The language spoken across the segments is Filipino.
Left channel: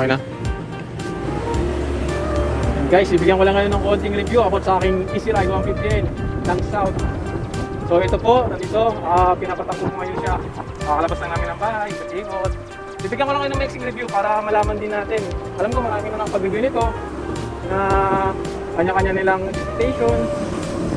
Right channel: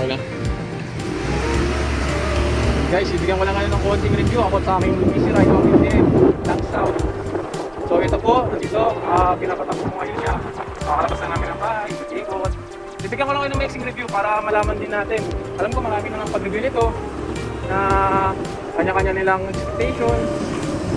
Okay na. Guys, bibigyan ko lang ngayon ng konting review ako sa aking Easy Ride 158 lang South. So ito po, nandito, pinapatakbo ko ngayon siya. Makakalabas na namin ang bahay, ikot. Bibigyan ko lang kayo ng mixing review para malaman din natin. Alam ko marami na ng pag-review nito na kanya-kanya nilang expectation.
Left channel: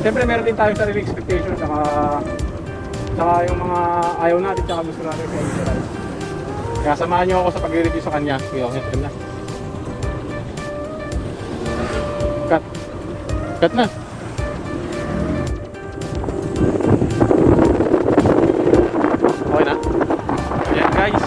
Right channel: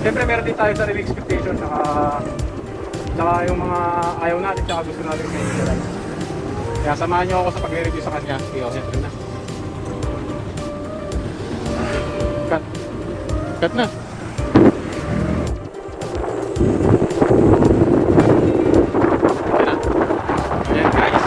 Siyempre meron din tayo sa review expectation saka yung mga ayaw natin saka gusto natin sa inyo. Kaya samahan niyo ako sa pag-review sa kanya. Okay na. Cut na. Ayan guys.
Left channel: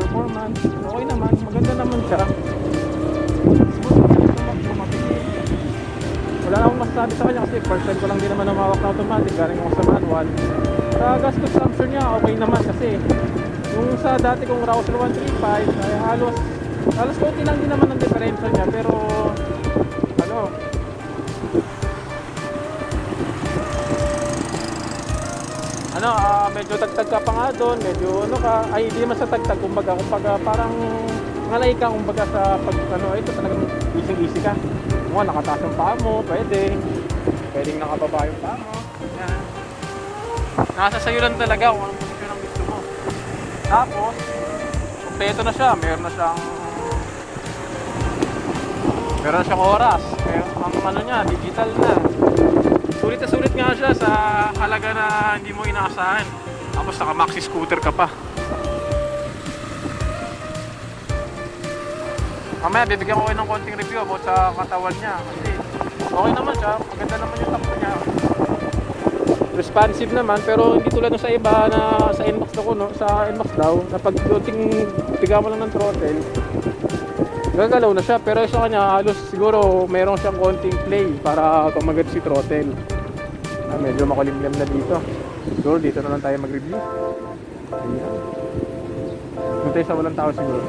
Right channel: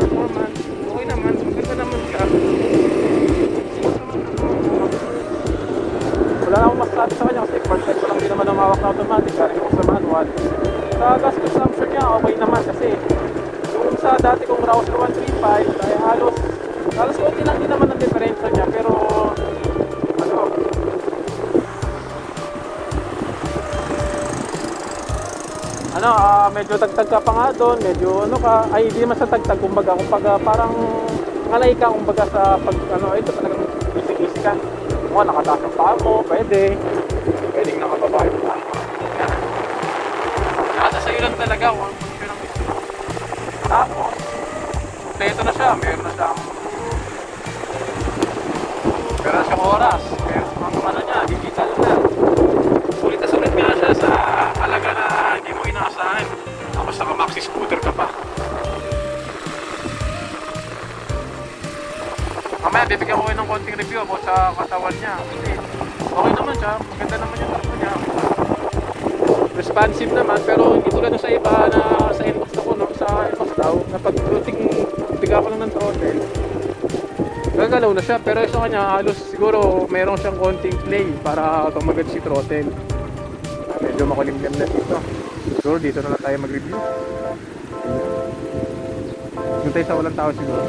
Performance. Okay naman. Maganda naman siya. Wala na akong masasabi sa kanya kasi first time ko lang din naman namawak na automatic, galing ako sa manual. Sa gas consumption niya okay naman kasi yung sa dati kong Rouser 135 ay halos okay lang din naman ang differential niya, pero medyo tagtag ka pa nga doon, medyo hindi naman sa tagtag, kumbaga parang ngalay ka kumbaga sa pag ito talagang easy ka. Nakataas ang paa mo, pwedeng nakababa yung paa mo. Nasa sa'yo lang talaga kung ano yung gusto mo. Tapos, kompleto na siya. Meron siyang oras. Meron niya, digital na. Sulit na sulit nga siya sa halaga na hindi mo inaasahan. Tapos naka-maxi scooter ka pa. Mamaya bibigyan ko kayo ng konting review about sa katawan niya. Okay naman siya, maganda naman yung katawan niya. Responsive naman, pero hindi tulad sa iba na sa Inmax ako, sa Inmax daw, na pag konting biga mo lang ng throttle, gagalaw na siya. Pero sa kanya, halos siguro mayroon siyang konting play para tumagad si throttle. Medyo makulimlim na dito. Siguro dito na lang tayo mag-review. Hintay sa walang tao siguro.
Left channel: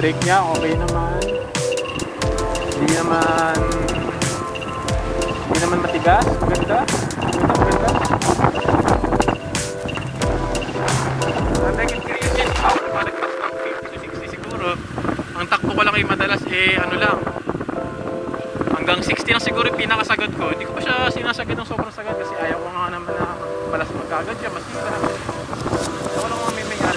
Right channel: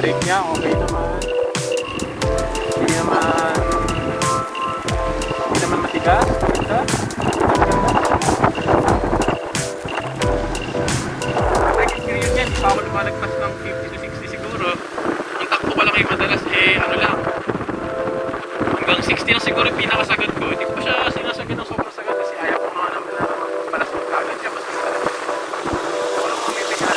Brake niya okay naman. Hindi naman matigas. Brake experience yan, hindi pa ako lumalagpas ng 50 to 60 siguro. Ang takbo ko lang kayo madalas hanggang 60 na siguro yung pinakasagad ko. Hindi ko siya sinasagad ng sobrang sagad kasi ayaw ko mga naman palas magkagad siya mas magkagad. Ako lang mga may bigla.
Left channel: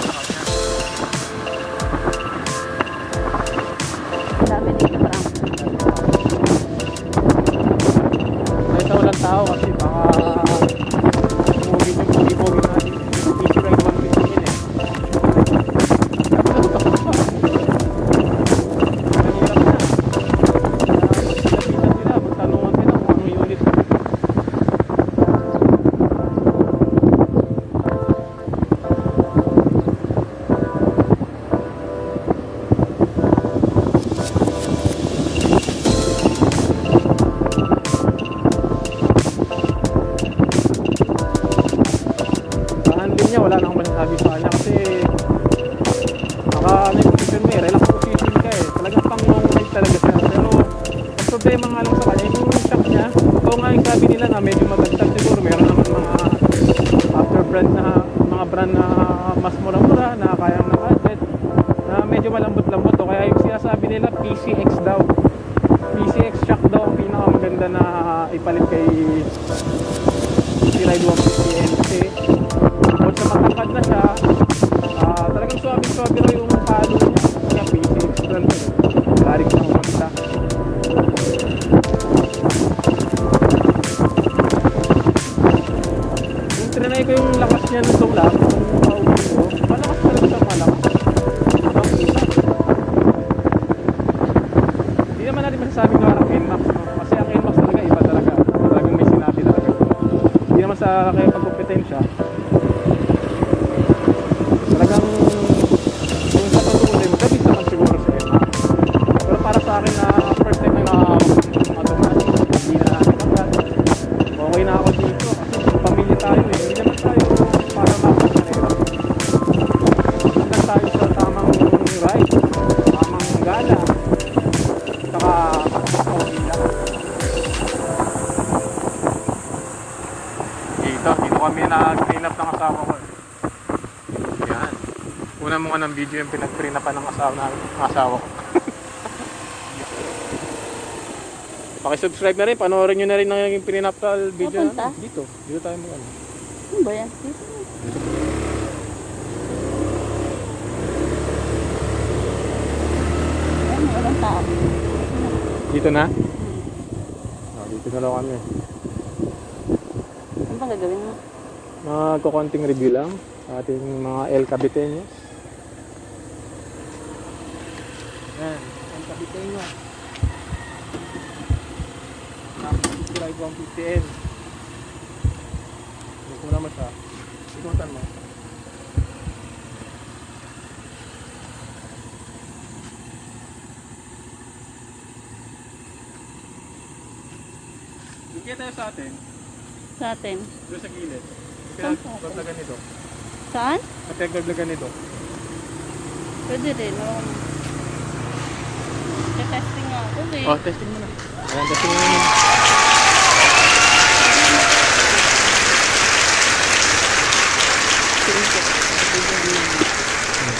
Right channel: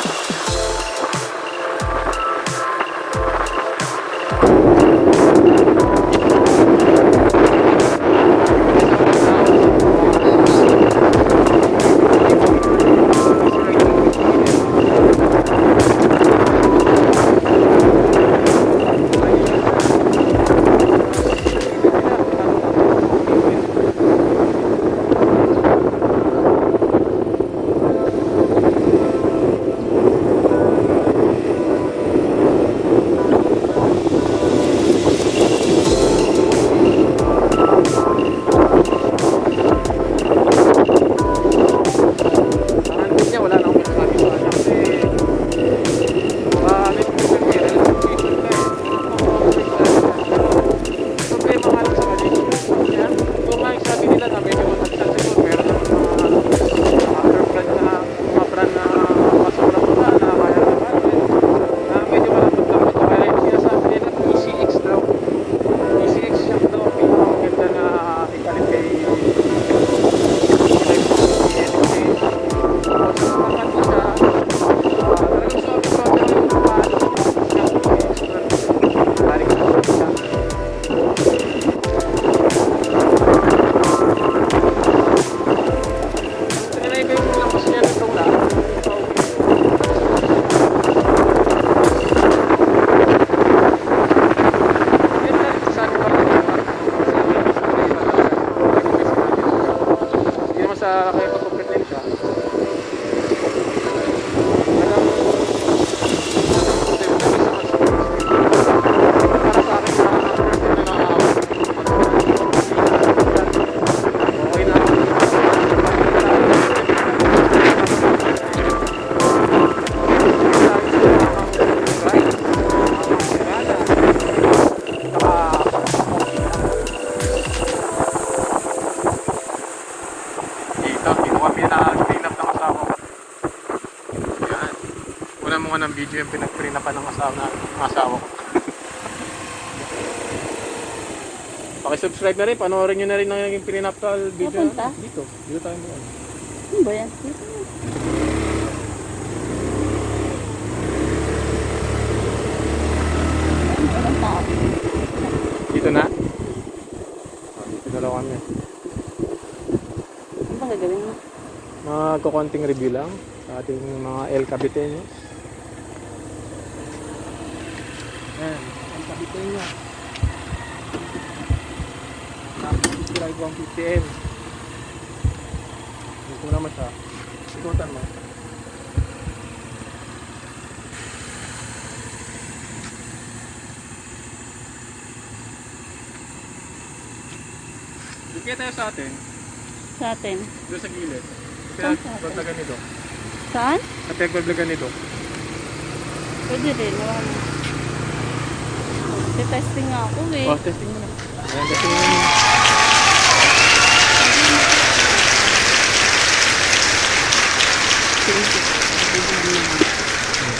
video yung pinagprinapan ng asawa ko. Pakisubscribe na rin, panoorin nyo na rin ang naging pinapal video. Papunta? Dito tayo mo. Ano ba yan? Ay, walang tao. Dito na? Dito na lang kami. Ano ba gagawin mo? Magkukunting review lang sa ating mga El Caviteños. Yan, El Caviteño. Drive 150M. Huwag mo naman siya. Ikutan mo. Dikit tayo sa atin. Sa atin. Doon sa gilid. Saan sa atin? Paglagan nito. Saan? At paglagan nito. Pwede rin. Naman. Testing nga ako eh. Oh, testing mo. Ayan, testing mo.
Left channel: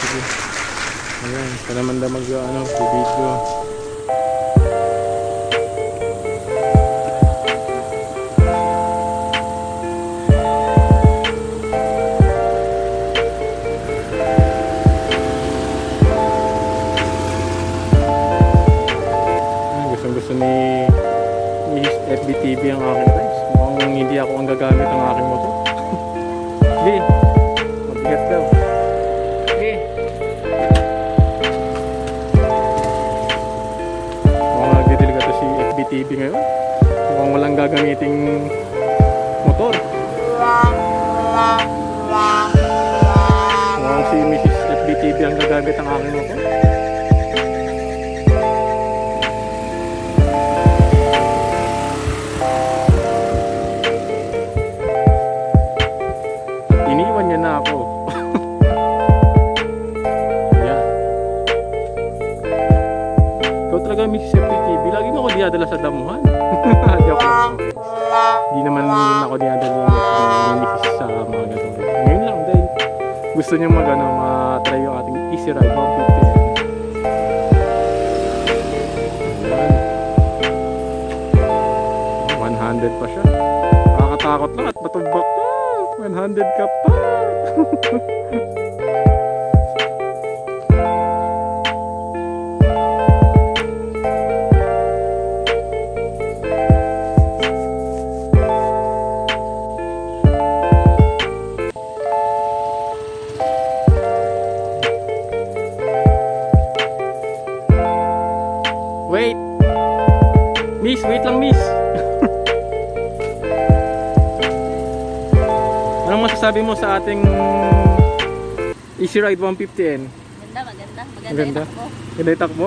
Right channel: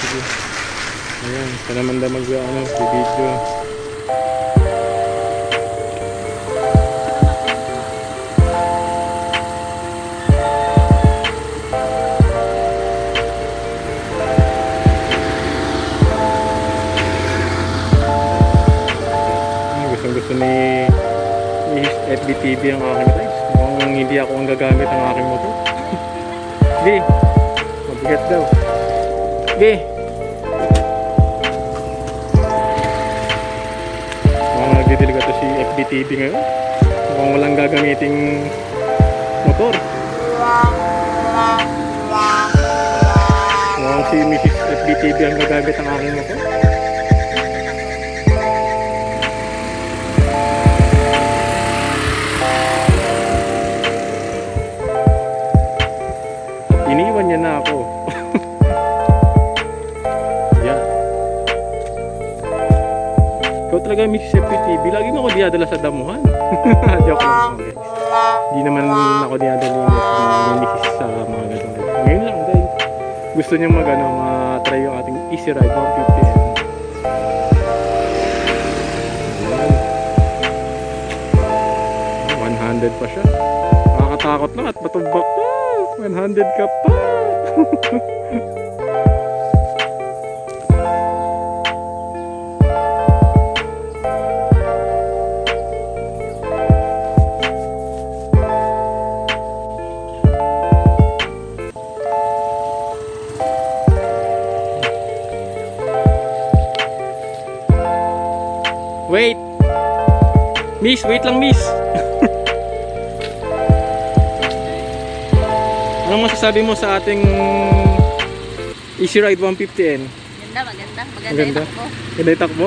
Sige. Ayan, ito naman daw video. Gusto ni FBTV ang aking guys. Mukhang hindi ako ang gagamit ng aking motor. Sige, mabigat daw. Sige. Mukhang nagdidiliga to si FBTV ngayon. Mukhang walang gagamiting motor. Mukhang si Mrs. FBTV ang gagamit ng aking motor. Iniwan niya na ako. Yan. Ikaw talaga Mrs. FPTV. Lagi mo ako dinadala sa damuhan. Joke lang. Hindi naman ako dinadala ni Mrs. sa mga ganun. Ngayon lang dahil gusto niya ma-try yung ating Easy Ride 150. Yan. 100 pa siya. Nakakatakot lang at matumbak pa. 100 ka pa. Wait. Miss, wait lang miss. Anong masasabi mo sa ating Easy Ride 150N? Maganda. Maganda. Yung takbo. Ganda yung takbo?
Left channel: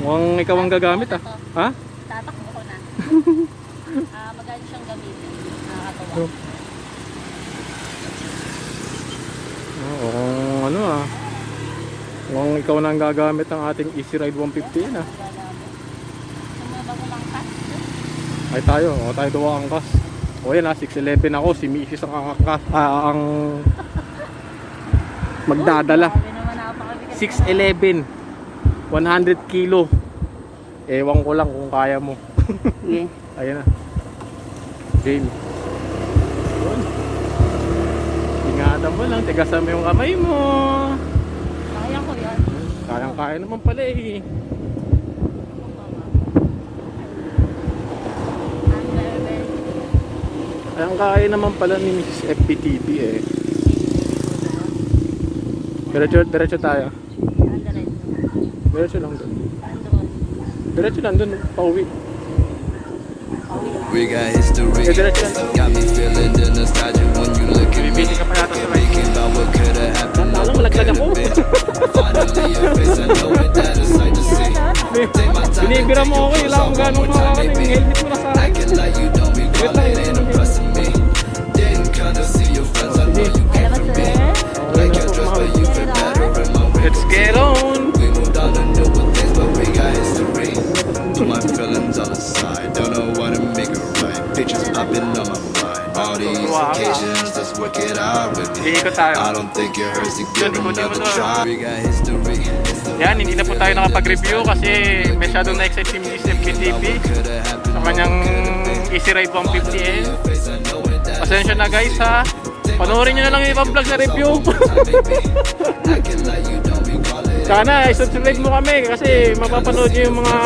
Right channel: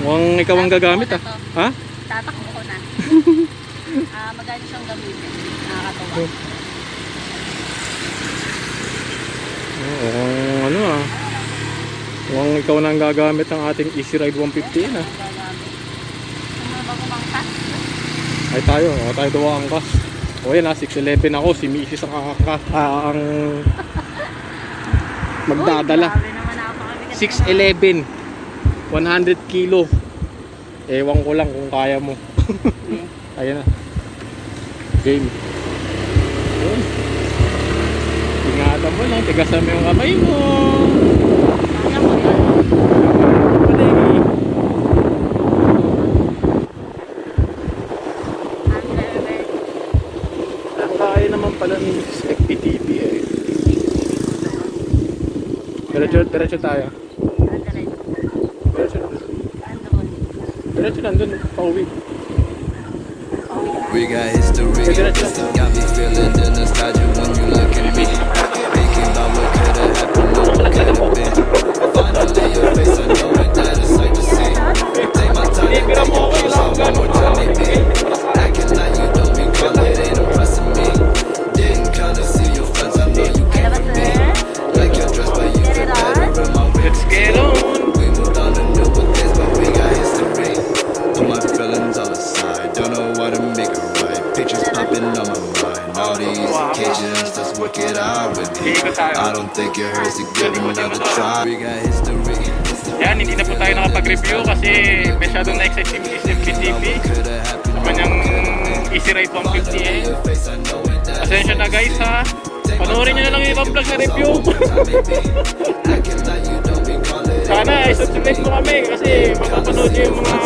Mukhang ikaw ang gagamit ah. Ha? Tatakbo ko na. Magaling siyang gamitin. Nakakatawa. Oo, ano ah. Mukhang ikaw na ang gagamit ng ating Easy Ride 150N ah. Gagamit. Kung may bago mang task. Ay tayo daw ang angkas. O yan ah, 6'11 ako, si Mrs. ang magdadala. 6'11 100 kilo. Ewan ko lang kung kaya mo. Ayan na. Game. Yun. Ingatan mo lang, tigasan mo yung kamay mo. Ayan mo yan. Kaya mo pala eh. Kaya naman pala ni Mrs. FPTV eh. Diretso tayo. Diretso lang. Diretso lang dun, pauwi. We got history, got me feeling the nostalgia when you look at me. Thinking about what could've happened or what could've been. Finally your face, I know it, that is sight to see. Take my time and take your clothes off one more time, maybe. Acting like you don't recall it, ain't impressing me. Didn't kinda see your friends, I know you came for me. Like your dress, but you fit better in my wrinkled tee. We moved on to newer things, but we got history. Put my feelings all aside, don't know why to make it right. Pictures popping on my mind. All these occasions, let's work it out with me. I don't think it hurts to give it another try. We got history. Yan, hindi na po tayo nakapag-review kasi masyadong na-excite yung CFTV. Kanyang Easy Ride 150 Pasensya na guys ha. Panoorin nyo na lang yung vlog sa review. Sana i-subscribe mo kami kasi mapapanood yung mga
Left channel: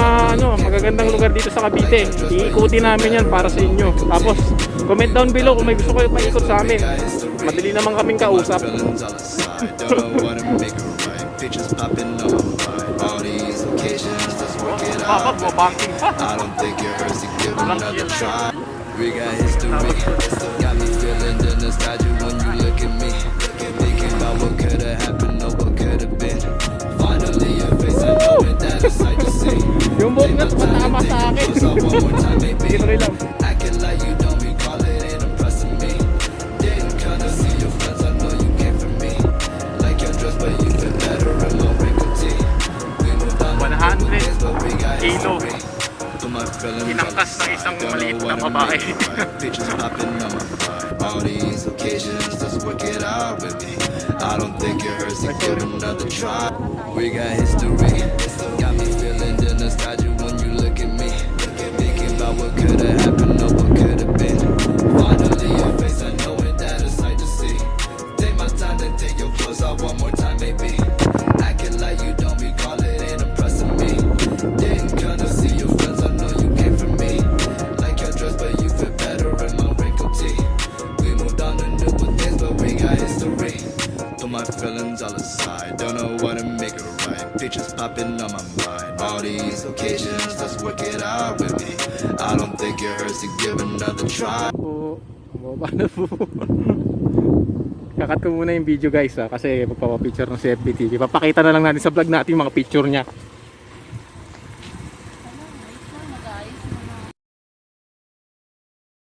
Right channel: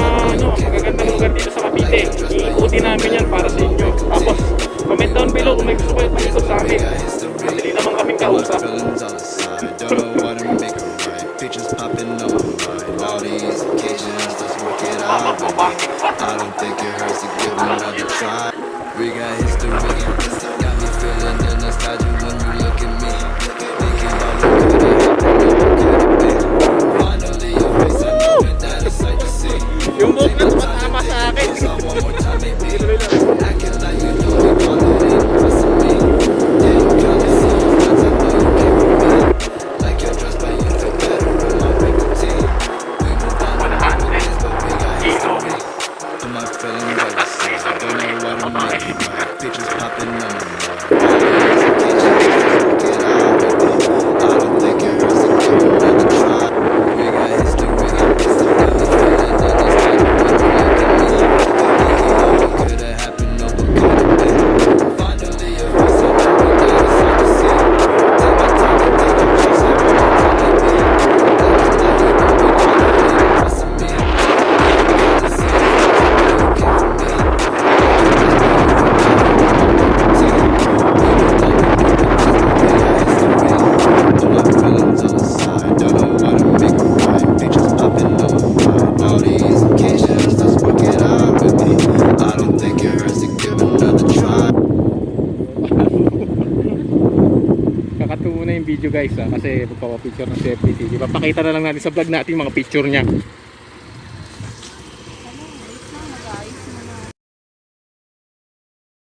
magagandang lugar dito sa Cavite. Iikutin namin yan para sa inyo. Tapos comment down below kung may gusto kayo pag-ikot sa amin. Madali naman kaming kausap. Don't know what to make it right. Pictures popping on my mind. All these occasions, let's work it out with me. I don't think it hurts to give it another try. We got history. Got me feeling the nostalgia when you look at me. Thinking about what could have happened or what could have been. Finally your face, I know that it's sight to see. Yung buhok na tumatama sa akin. One more time, maybe. Acting like you don't recall it, ain't impressing me. Yeah, you kinda see your friends, I know you came from me. Like your dress, but you feel better in my wrinkled tee. We moved on to different things, but we got history. Put my feelings jealous. Don't know what to make it right. Pictures popping on my mind. All these occasions, let's work it out with me. I don't think it hurts to give it another try. We got history. Got me feeling the nostalgia when you look at me. Thinking about what could have happened or what could have been. Finally your face, I know that it's hard to see. Take my time to take a piece of one more time, maybe. Acting like you don't recall it, ain't impressing me. Yeah, you gotta see your friends, I know you came from me. Like your dress, but you feel better in my wrinkled tee. We moved on to different things, but we got history. Put my feelings on the side, don't know what to make it right. Pictures popping on my mind. All these occasions, let's work it out with me. I don't think it hurts to give it another try. Kakat ko muna yung video guys ha, kasi magpapapicture ng CFTV. Papakita na lang natin sa vlog natin yung mga picture niya.